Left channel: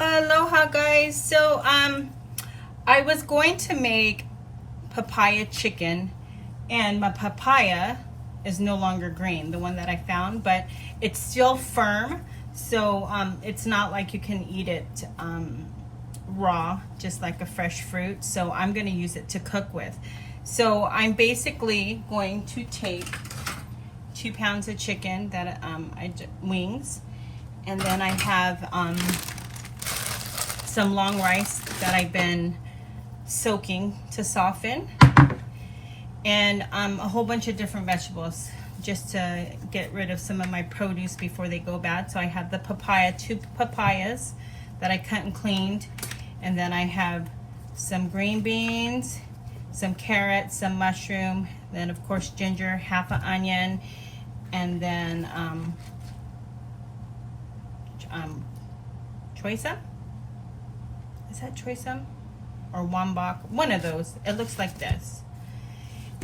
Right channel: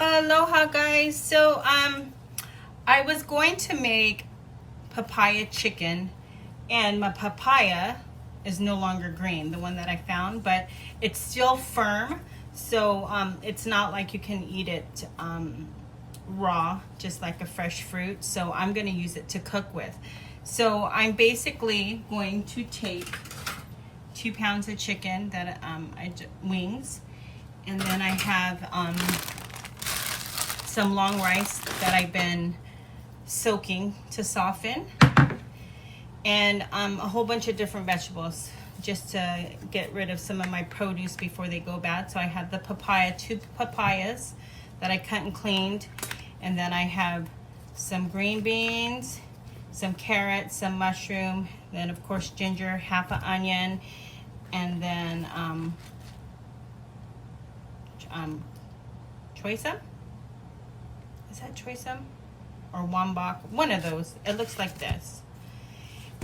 Aloha guys. I was going to make papaya chicken, and my papaya is no longer green, the one that I found, but it's still firm. It's not like you can eat it raw, just like a fresh fruit. So I'm going to use it to cook with. So I'm basically going to take 2 pounds of chicken that wings, and then I have some long rice that I've been soaking to soften, and a whole bunch of different vegetables just to get rid of some of my produce before they go bad. So I have the papaya, 2 papayas that I cut and cleaned, and then I have some green beans, some carrots, some mushroom, then of course ginger, half an onion, and then choysum. Is that choysum or wambok? One of those. It looks like this.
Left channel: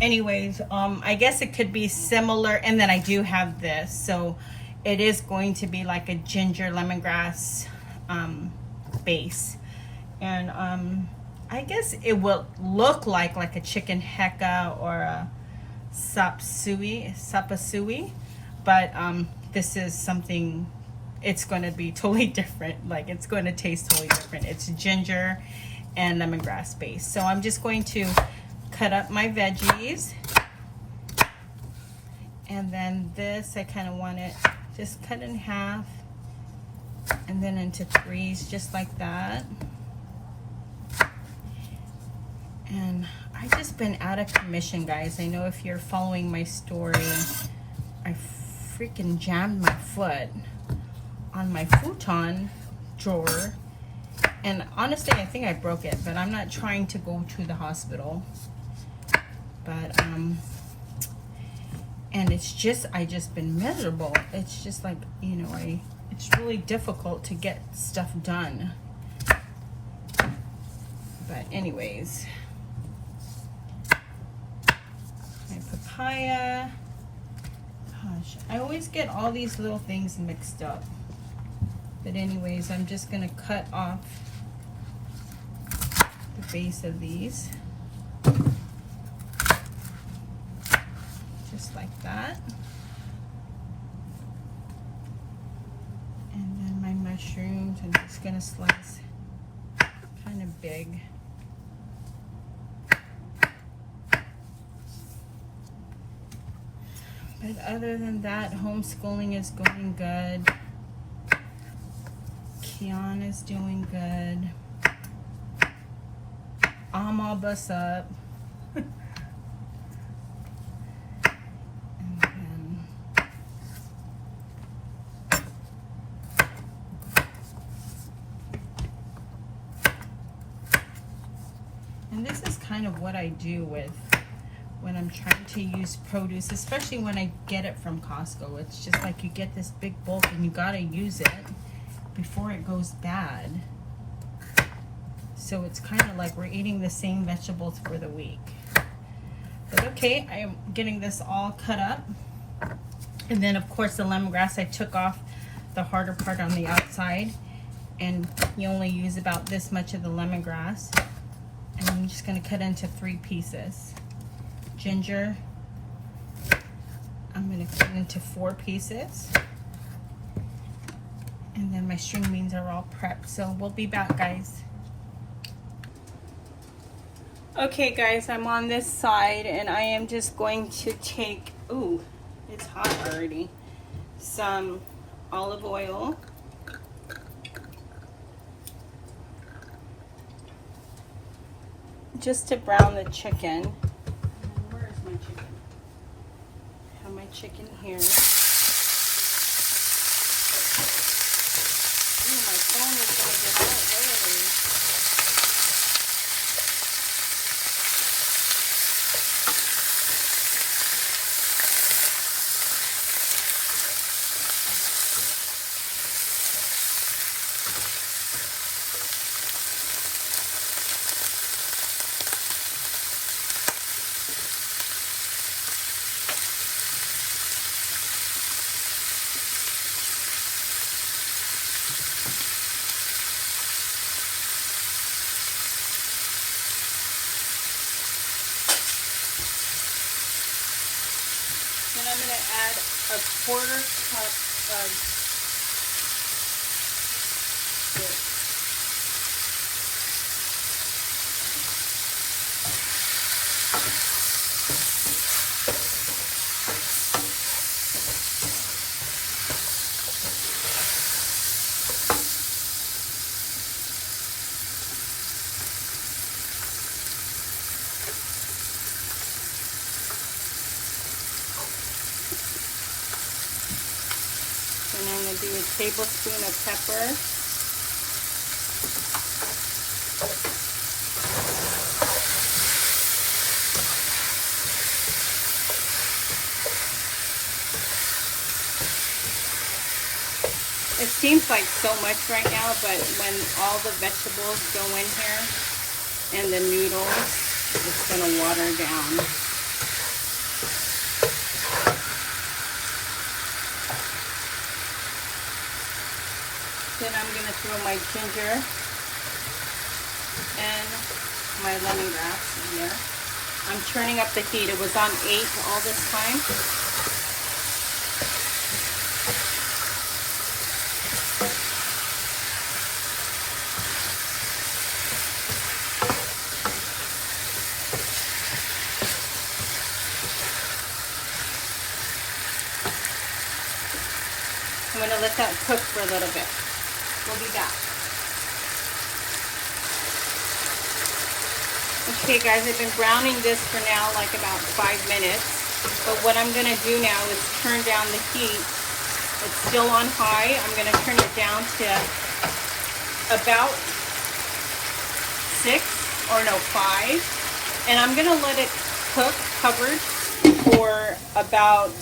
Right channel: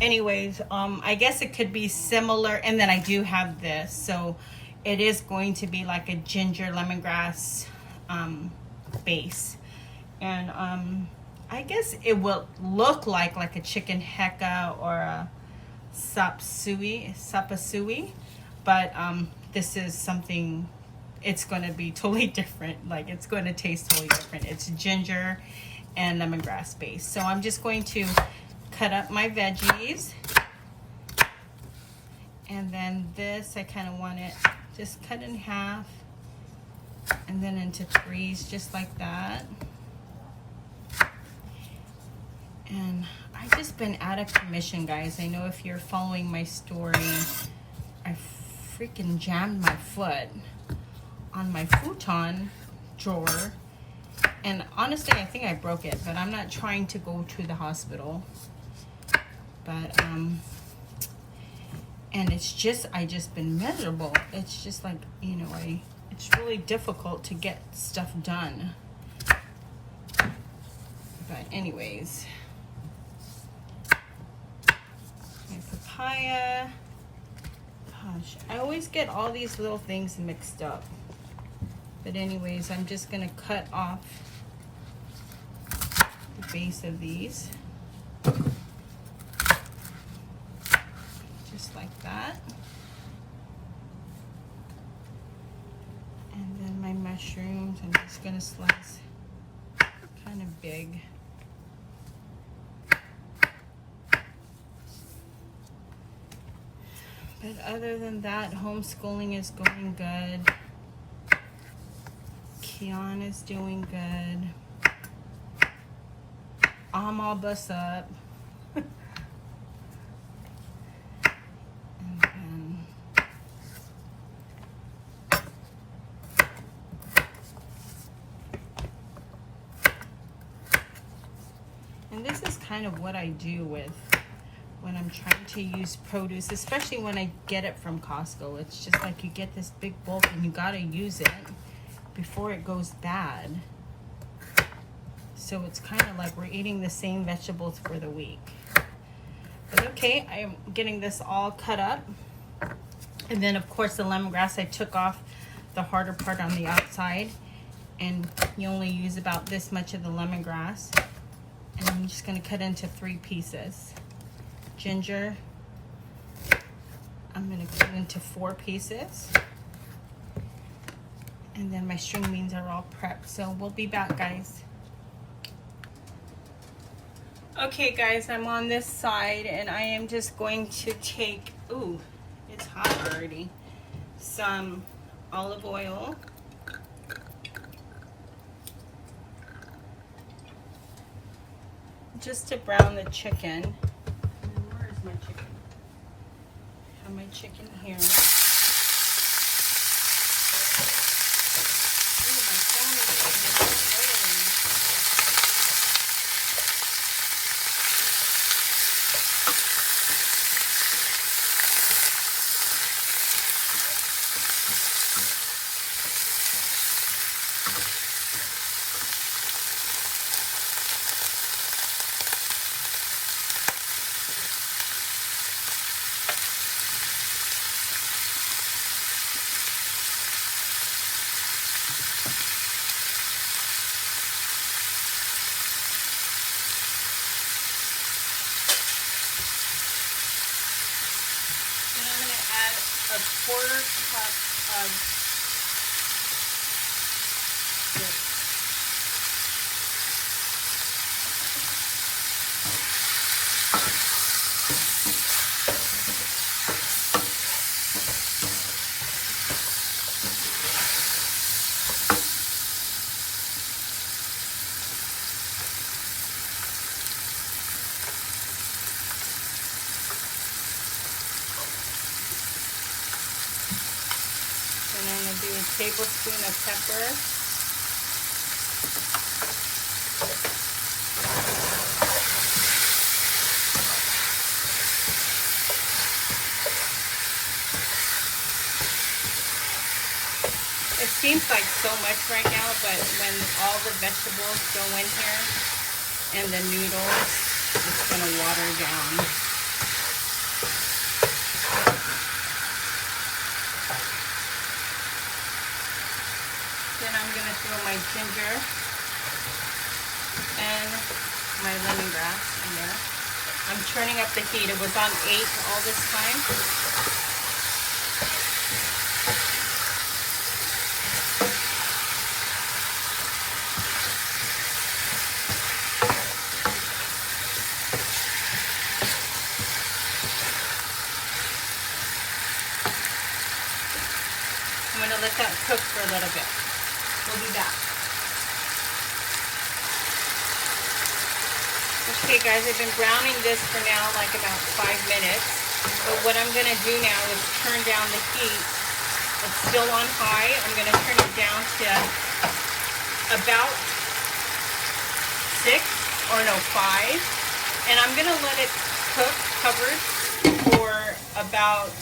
Anyways, I guess it could be similar. And then I do have this, so it is going to be like a ginger lemongrass base. And I guess it will look like a chicken heka or a sapasui, but this is something. It's going to be totally different. Like, it's going to taste totally different. It's ginger and lemongrass base. So I'm just going to cut up my veggies, and then this, I kind of want it just cut in half and then into 3s, just like that. And I just been out of commission, guys. I know if you're following my story, I freaking jammed my foot on my futon drawer, and honestly I think I broke it, but I'm not trying to go to the hospital. But and it's just, I just been miserable. It's just like, you know, it's really difficult to get stuff done. But anyways, my papaya, gosh, I always get all these little things mixed up. But anyways, I'm just going to cut off the base of these. Just like that. And then my mushrooms, I'm just going to slice kind of big. But other than that, homeschooling is going good. Kian is doing good. I'm all bust up. And this is kind of what I do with when I'm trying to use produce, especially when I get it from Costco. It's just like you get this big bulk and you gotta use it before it goes bad. So it's kind of like we're eating the same vegetables for the week. But okay, I am getting this all cut up. And then of course the lemongrass, I took off the harder part on the outside, and you only use about this much of the lemongrass. And I'm just going to cut into 3 pieces. Ginger, I'm going to cut into 4 pieces. And then my string beans are all prepped, so we'll be back, guys. Okay guys, I'm on this side, and I am just going to take, ooh, it's hot already, some olive oil. Just to brown the chicken. Where is my chicken? I have my chicken here. Ooh, my phone is tablespoon of pepper. It seems like so much right now, but when all the vegetables go in here and the noodles, it's going to water down. Then I'm going to throw my ginger and my lemongrass in there. I'm turning up the heat. It was on 8 all this time. I'm going to let that cook for a little bit. We'll be back. Okay guys, I've been browning this for now like about 5 minutes. But what I'm going to do now is turn down the heat. It's still on high. I'm going to turn it down to about 6 or no 5. And I'm going to let it cook covered for about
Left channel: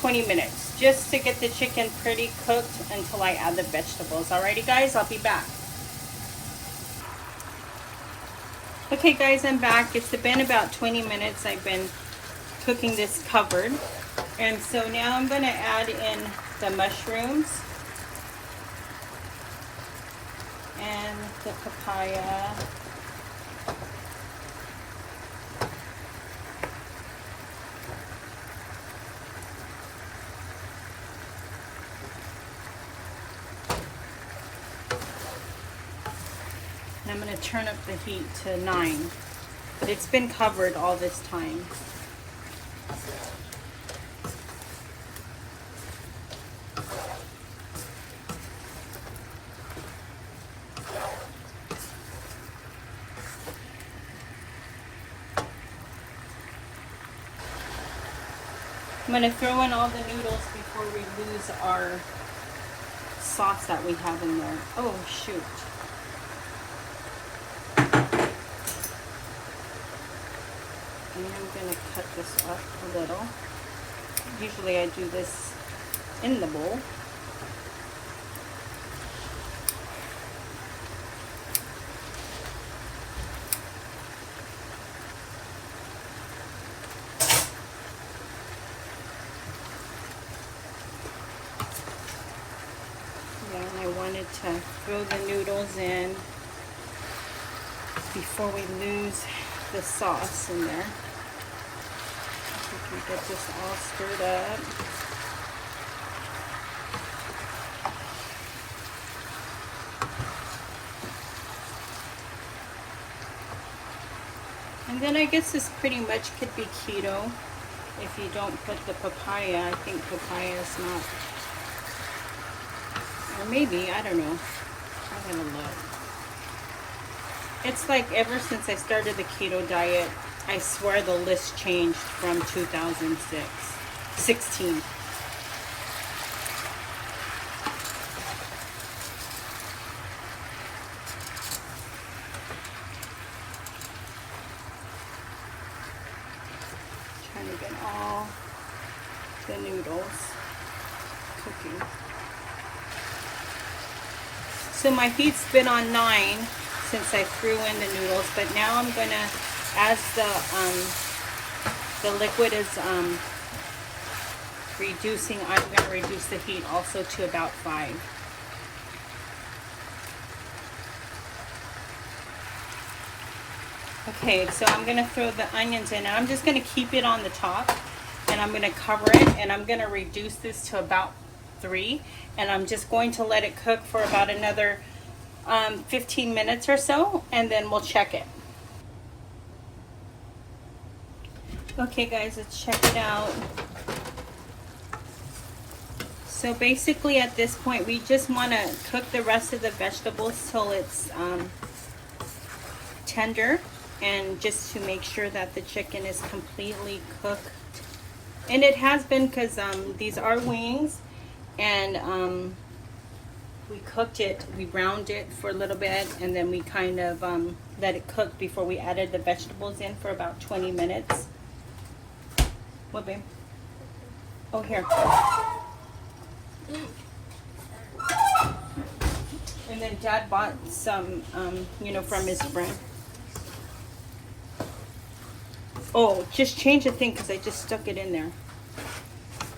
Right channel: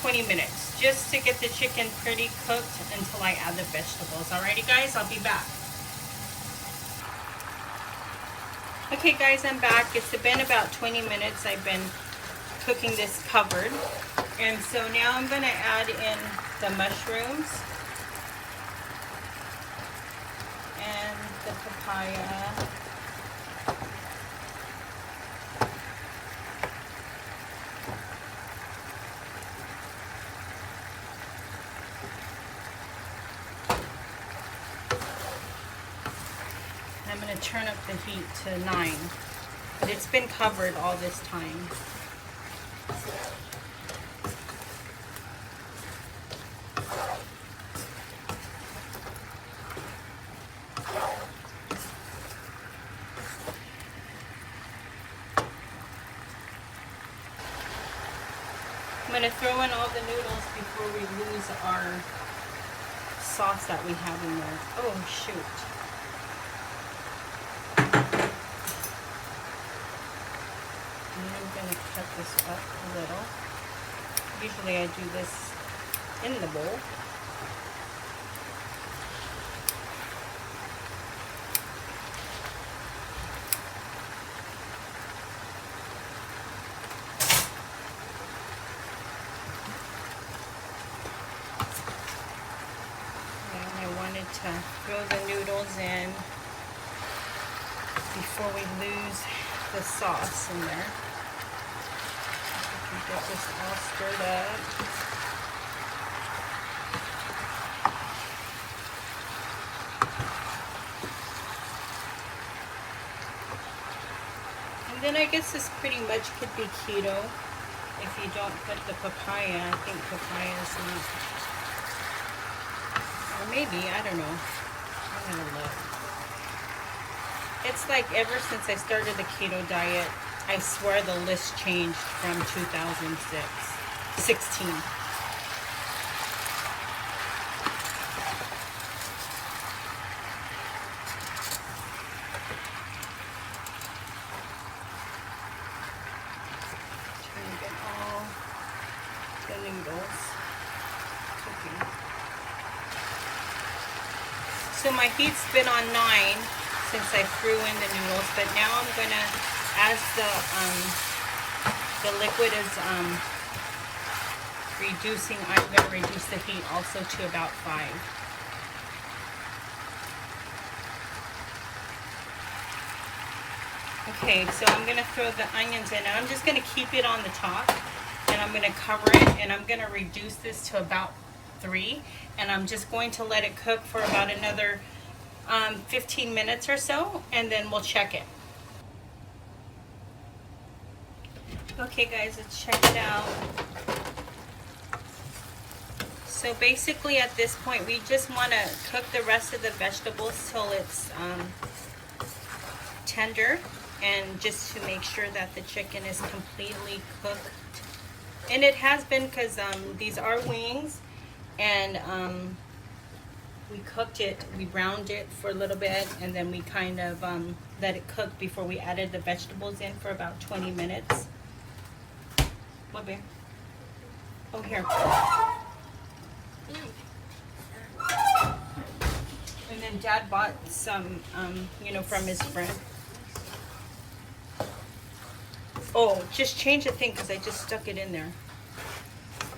20 minutes, just to get the chicken pretty cooked until I add the vegetables. Alrighty guys, I'll be back. Okay guys, I'm back. It's been about 20 minutes I've been cooking this covered. And so now I'm going to add in the mushrooms and the papaya. I'm going to turn up the heat to 9. It's been covered all this time. I'm going to throw in all the noodles before we lose our sauce that we have in there. Oh shoot. I'm going to cut this up a little. Usually I do this in the bowl. And I wanted to throw the noodles in before we lose the sauce in there. Get this all stirred up. And then I guess this pretty much could be keto if you don't put the papaya. I think papaya is not. Or maybe, I don't know. I don't know. It's like ever since I started the keto diet, I swear the list changed from 2016. Trying to get all the noodles cooking. So my heat's been on 9 since I threw in the noodles, but now I'm gonna, as the liquid is reducing, I'm gonna reduce the heat also to about 5. Okay, so I'm gonna throw the onions in, and I'm just gonna keep it on the top, and I'm gonna cover it, and I'm gonna reduce this to about 3, and I'm just going to let it cook for about another 15 minutes or so, and then we'll check it. Okay guys, let's check it out. So basically at this point we just want to cook the rest of the vegetables till it's tender, and just to make sure that the chicken is completely cooked. And it has been, because these are wings, and we cooked it, we browned it for a little bit, and then we kind of let it cook before we added the vegetables in for about 20 minutes. What, babe? Oh, here. And then Dad bought some, you know, from his friend. Oh, just change the thing because I just stuck it in there.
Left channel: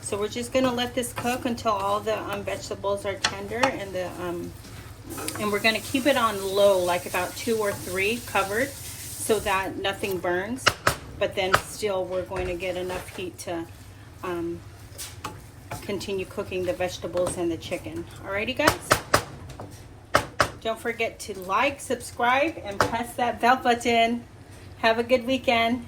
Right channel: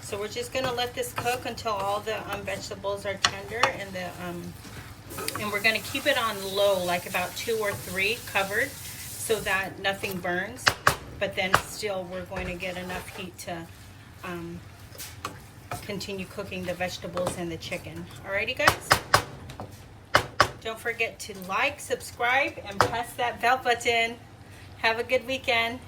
So we're just gonna let this cook until all the vegetables are tender, and we're gonna keep it on low, like about 2 or 3 covered, so that nothing burns. But then still, we're going to get enough heat to continue cooking the vegetables and the chicken. Alrighty, guys. Don't forget to like, subscribe, and press that bell button. Have a good weekend.